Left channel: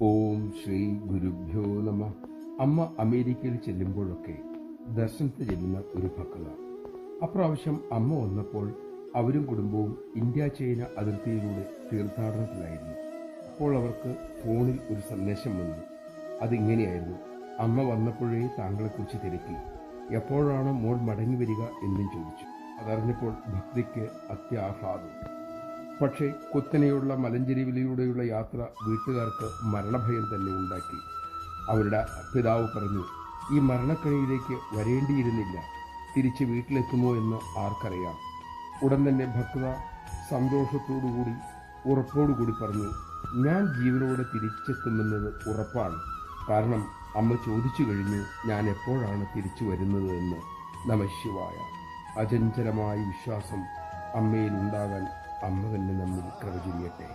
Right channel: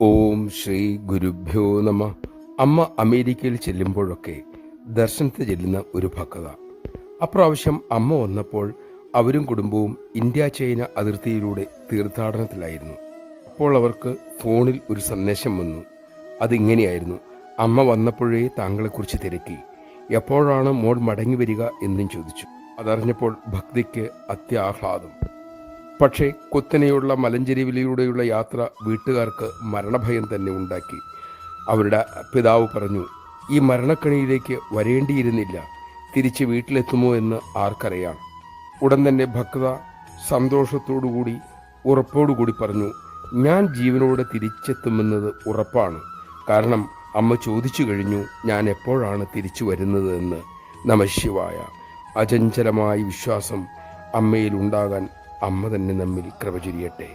ഓം ശ്രീ ഗുരുഭ്യോ നമ. അമ്മ അമേരിക്കയിൽ ചെല്ലുമ്പോഴൊക്കെ ദർശനത്തിന് ചെല്ലുന്ന ഒരു ഭക്തത. അപ്രാവശ്യം അമ്മ വന്നപ്പോൾ അവരും കുടുംബവും ഇന്ത്യ ചൈന അതിർത്തിയിലൂടെ തീർത്ഥാടനത്തിലായിരുന്നു. അപ്പോൾ അവർക്ക് ഫോണിൽ ഒരു സന്ദേശം വന്നു. അതിങ്ങനെയായിരുന്നു: അമ്മ വന്നപ്പോഴേ താങ്കളെക്കുറിച്ച് തിരക്കി, എപ്പോഴാണ് മോൾ മടങ്ങി വരിക എന്നും ചോദിച്ചു. അതറിഞ്ഞപ്പോൾ ഭക്തിക്ക് അത്യാഹ്ലാദം. പക്ഷേ കുത്തനെയുള്ള മലഞ്ചെരിവിലൂടെയുള്ള യാത്ര വീട്ടുകാർക്ക് മരണഭയം തന്നെ ഉണ്ടാക്കി. അവരുടെ പിതാവ് പറഞ്ഞു, ഈ മരണക്കണിയിലേക്ക് വരേണ്ടിയിരുന്നില്ല, തിരിച്ച് വീട്ടിലെത്തുമോ എന്ന് ആർക്കറിയാം. ഉടൻ തന്നെ ഭക്ത സന്തോഷത്തോടുകൂടി ഉറപ്പോടുകൂടി പറഞ്ഞു, ഞാൻ ജീവനോടെ തിരിച്ചെത്തുമെന്നത് ഉറപ്പാണ്. കാരണം അമ്മ ചോദിച്ചു കഴിഞ്ഞു ഞാൻ എപ്പോഴാണ് തിരിച്ചു വരുന്നത് എന്ന്. നമഃശിവായ. അചഞ്ചലമായ വിശ്വാസം അമ്മയിലുണ്ടാകാൻ അമ്മ തന്നെ നമ്മിൽ കൃപ ചൊരിയട്ടെ.